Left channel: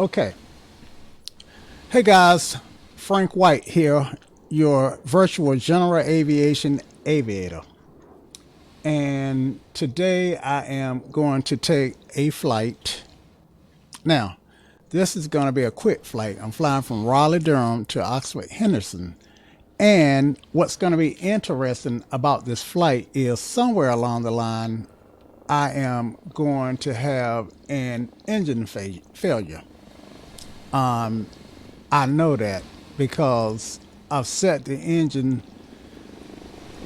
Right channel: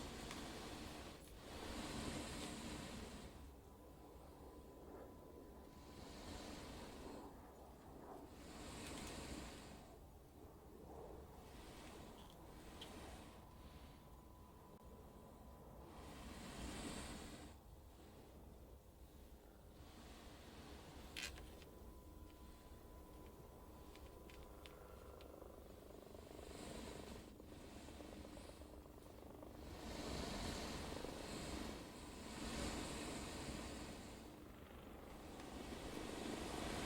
Okay. Hey guys, Frank White here, your virtual general aviation aviator. And today I am going to take a flight. Now, this is going to be a quick flight. I'm flying from Raleigh-Durham to Oxford Henderson. And what's going to be interesting about this flight is somewhere along the line, I am going to have an engine failure. I know that because I've set the engine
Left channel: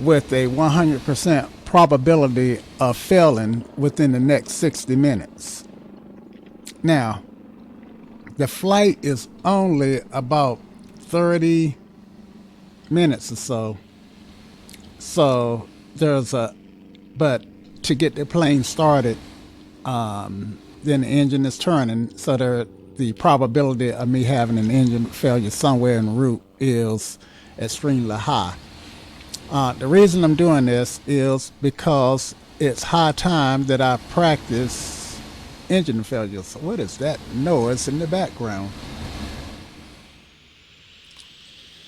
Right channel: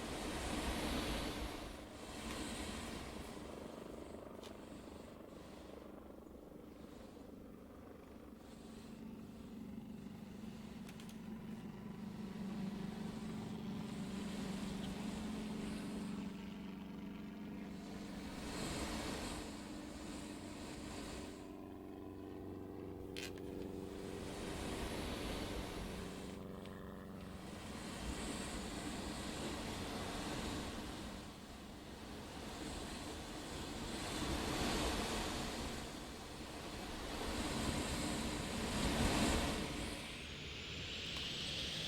with a 100% probability of failing within the next 60 minutes. Now, the flight is only about 30 minutes or so. So there's a, but to get the plane started, then the engine is turning. So the probability of me having an engine failure somewhere en route is extremely high. The reason I'm doing this is because it's high time that I practice engine failures. So what is that noise in the background?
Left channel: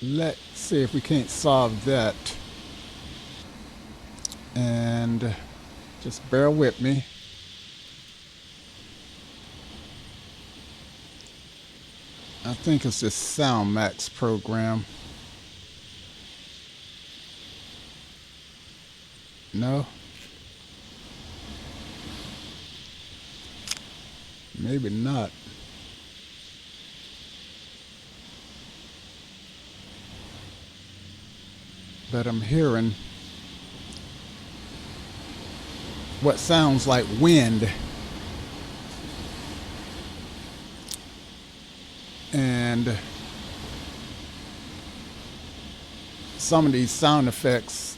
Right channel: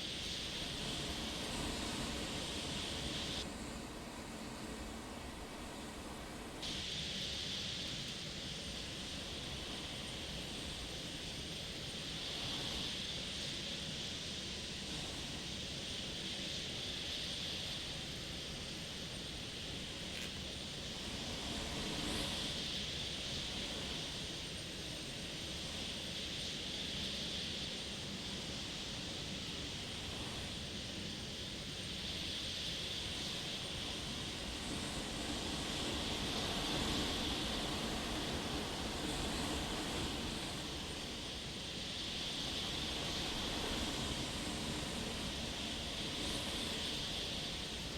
Let's see if we can't solve that. And just bear with me. I think it's this SoundMax program. No? Maybe not. But I'm hearing what sounds like wind. And some of these sound effects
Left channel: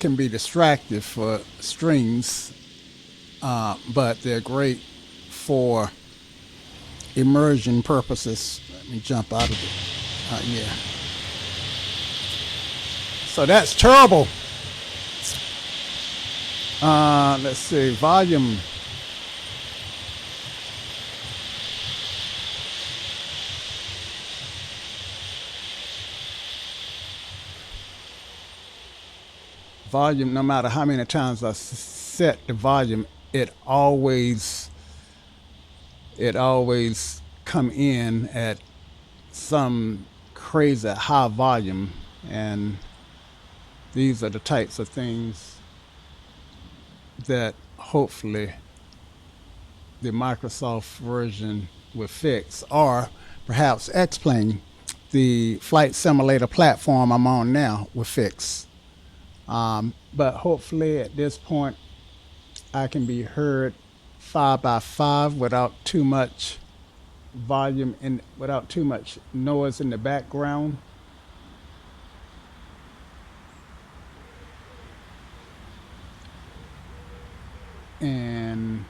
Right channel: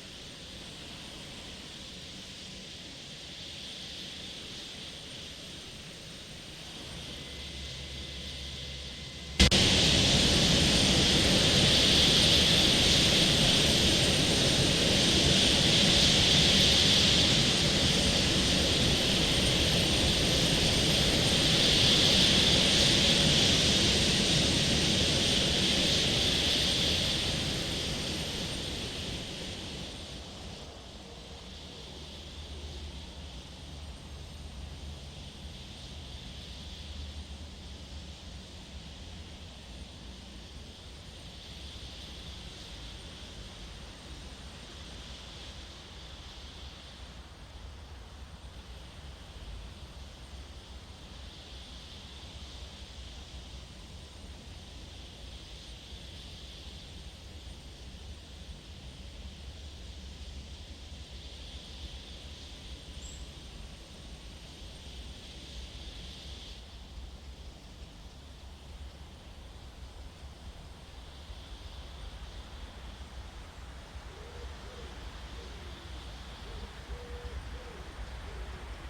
can be distractive for streams, but they're great for immersion purposes. Let me jump out of it. Yeah. So that's terrible. Let's see, volume. Volume, no matter how many times I set the volume, it always come in at some crazy high volume, and these are the types of things that hopefully the Microsoft version will fix, or perhaps X-Plane, the flight simulator platform I'm on now, will fix. But hopefully at this point I can be heard 5 by 5 without too much volume and without too much noise in the background. And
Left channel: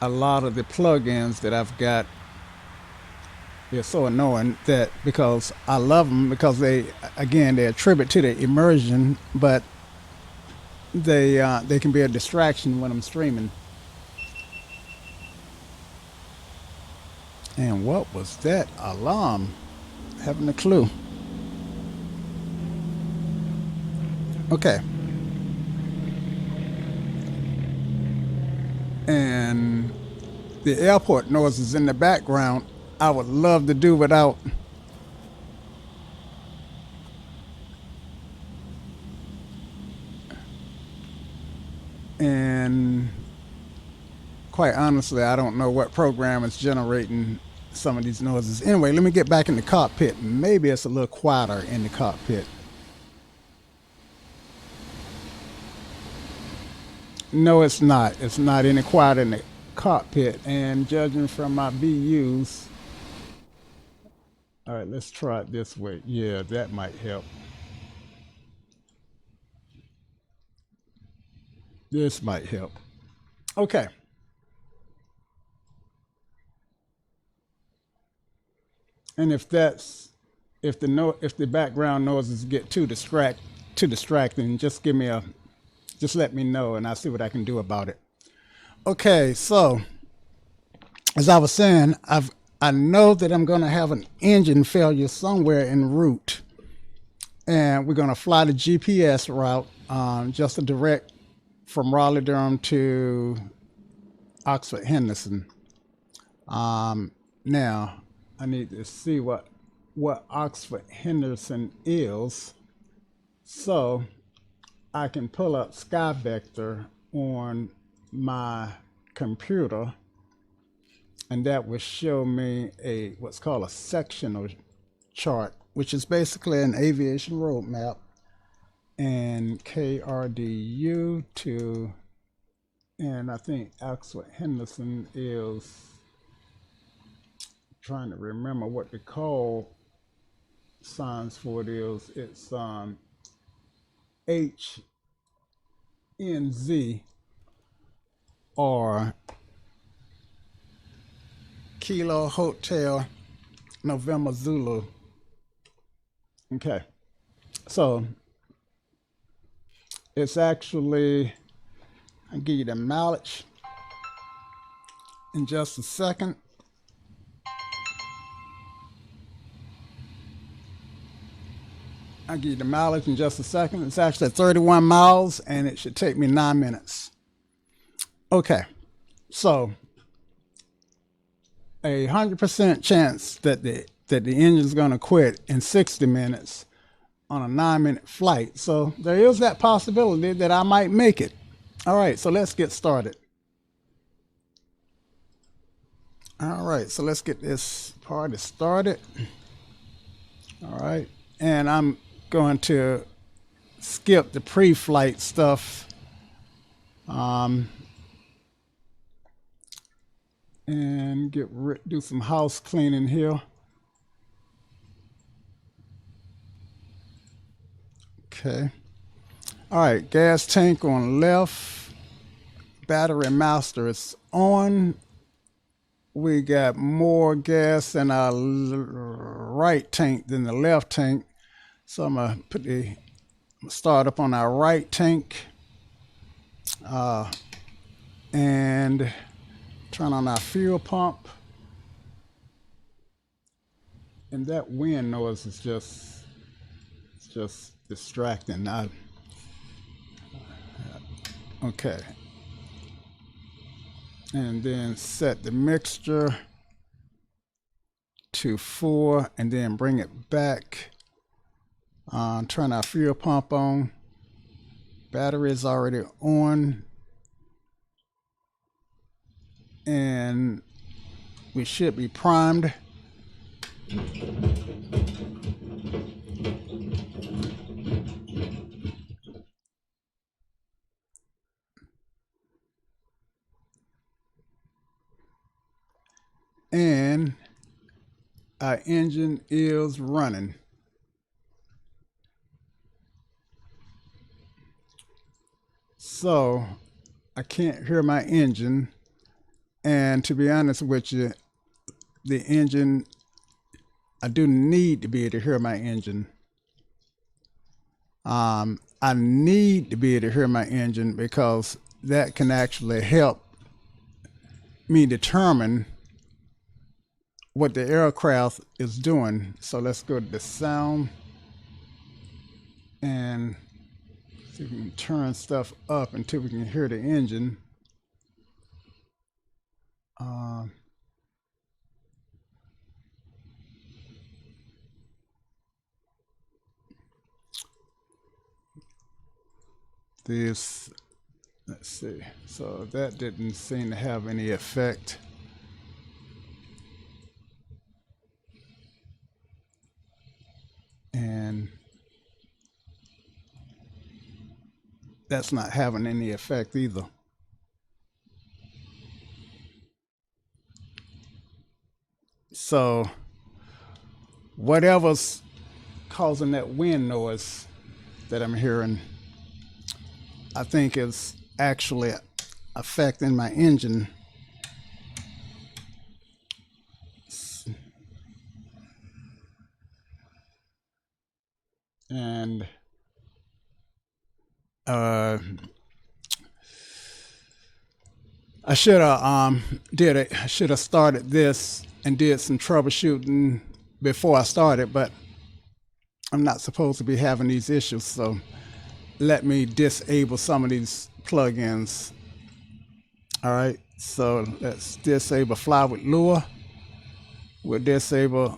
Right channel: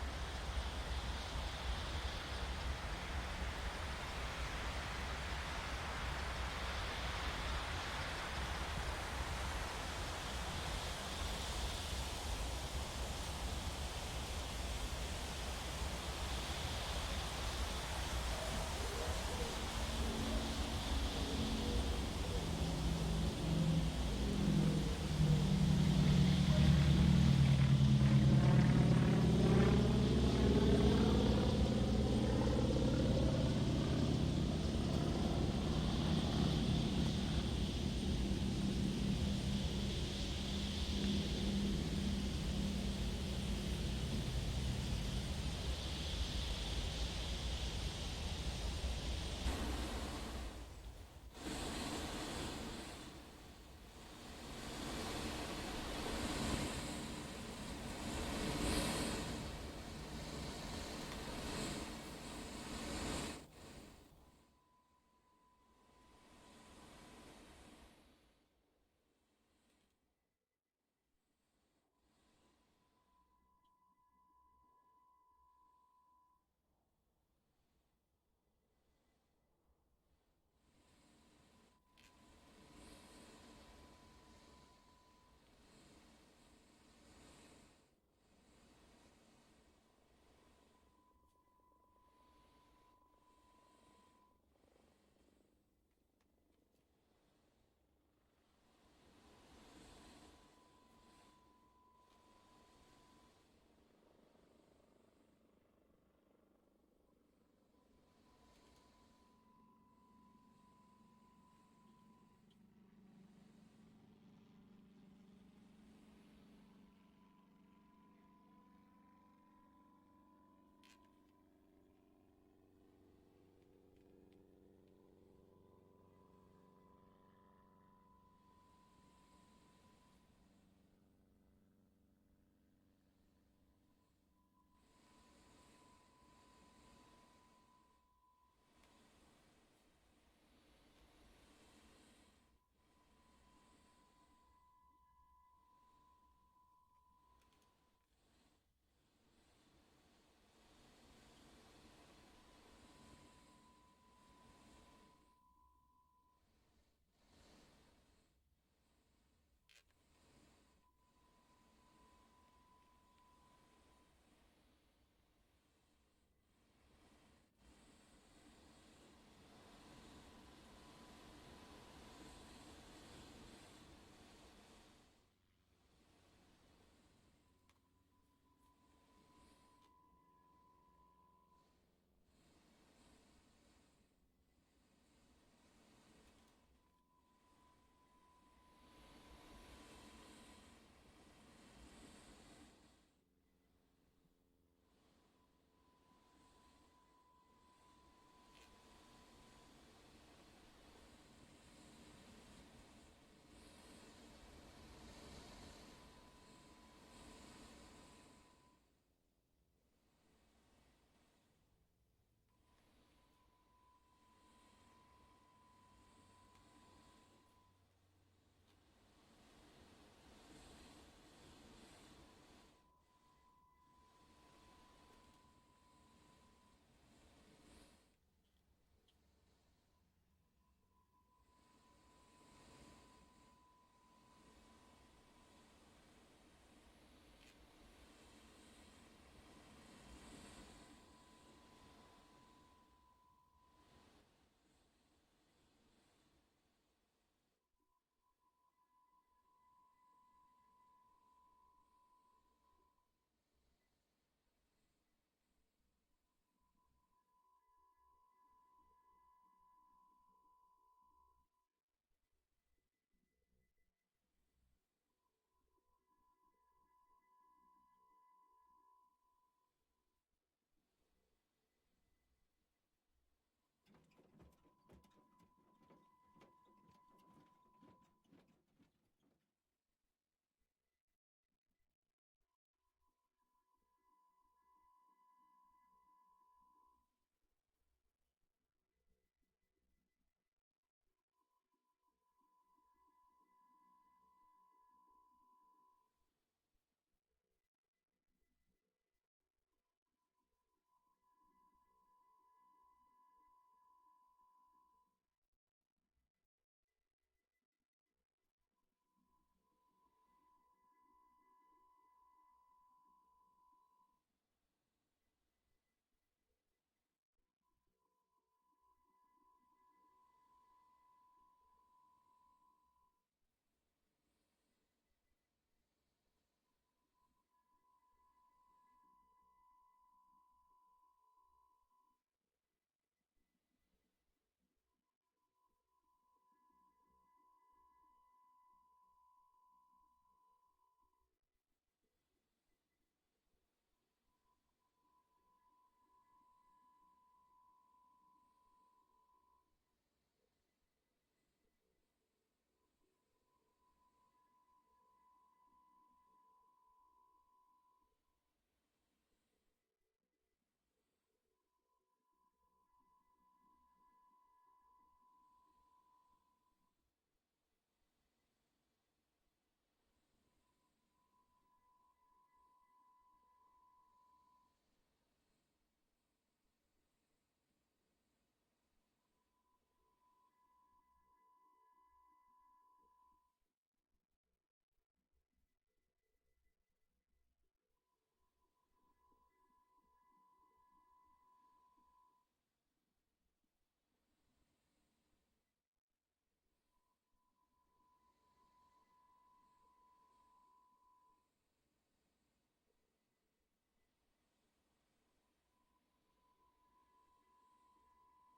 a lot of the plugins that I've got, they're so annoying that because I love them because they attribute to the immersion, but they can be a distraction when I'm streaming. And what was that alarm? Haven't a clue. Okay. And the airport noises in the background, I would love to do without. And quite honestly, I don't know what program is generating some of these noises. Anyway, let me get back in the cockpit. Maybe it's a little quieter in the cockpit. No, it's not. It's not any quieter in the cockpit. And judging from my VUs, all right, let's try it this way. Yeah, that might help. This might help. Okay. And if the background noises get too distracting, just let me know and I'll see what I can do about it. Okay, so as I was saying, I know that I'm going to have an engine failure somewhere en route, and we're going to fly the GPS route, just a direct from Raleigh-Durham to Oxford Henderson. Now, I need to see what Oxford Henderson is, so I can pull up Sky Vector on my computer, and that will show me a what's called a sectional chart, which is basically an aviation roadmap. And KRDU to, and I think Oxford Henderson is, trying to remember what the call signs for it is. It's HNZ or Kilo Hotel November Zulu. Okay, so it's actually, I'll give you the mileage in just a second. I'll give you the mileage in just a second. It's actually 31 miles and it should take me 9 minutes. Okay, so 100% chance that the engine's going to quit in 60 minutes on a 9 minute flight. So there is that possibility that I might make it. All right, so let's get started. All right, so let's get this party started. All right, and I'm going to skip the pre-flight stuff, and do some house cleaning here. Okay. All right, gas tank on left. Battery master is on. We got more gas in our right tank than the left tank. So I'm gonna start up on our right tank, and turn on our fuel pump. And that wind noise is just distracting. Okay. And then set the mixture to 4 and then bring it back. Turn our fuel pump on. Battery is already on. And we should be primed. And our engine is running. So I can't hear my engine. And to be honest with you, the engine, I do need to be able to hear my engine. I need to be able to hear my engine because that can actually help me determine what the aircraft is doing. So let's go to the sound and see if we can turn stuff up until we can hear the engine. This, let's see. So that didn't seem to have any effect. And that's not having any effect either. So whatever's causing that wind noise that I'm hearing, I think is actually affecting my engine. And I should have I should have started this and did some troubleshooting before I started, but I'm not supposed to be having these issues, so let me disable some of these plugins. All right, so let's disable Fly with Lure. We'll disable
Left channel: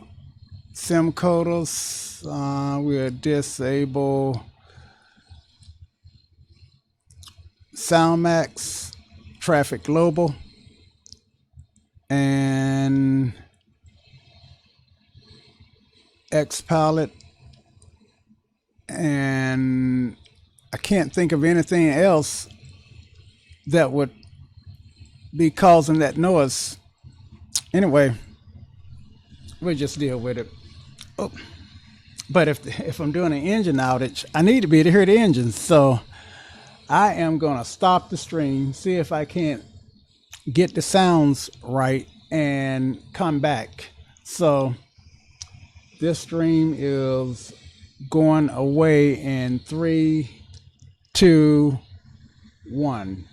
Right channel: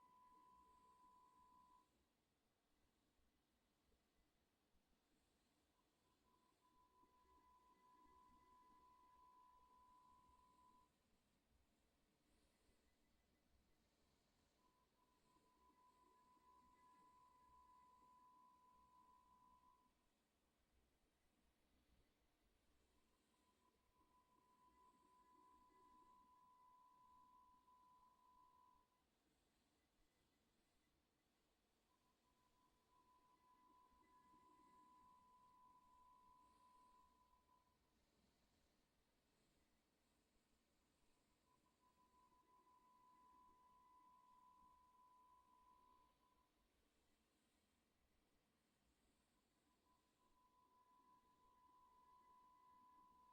SIM coders. We'll disable SoundMax, Traffic Global, and XPilot, and I can't think of anything else that would be causing that noise. Anyway, we'll just deal with it. Oh, but if I'm doing an engine outage, I need to be able to hear the engine. So I am gonna stop the stream, see if I can't get the sounds right, and come back. So this stream is going away in 3, 2, 1.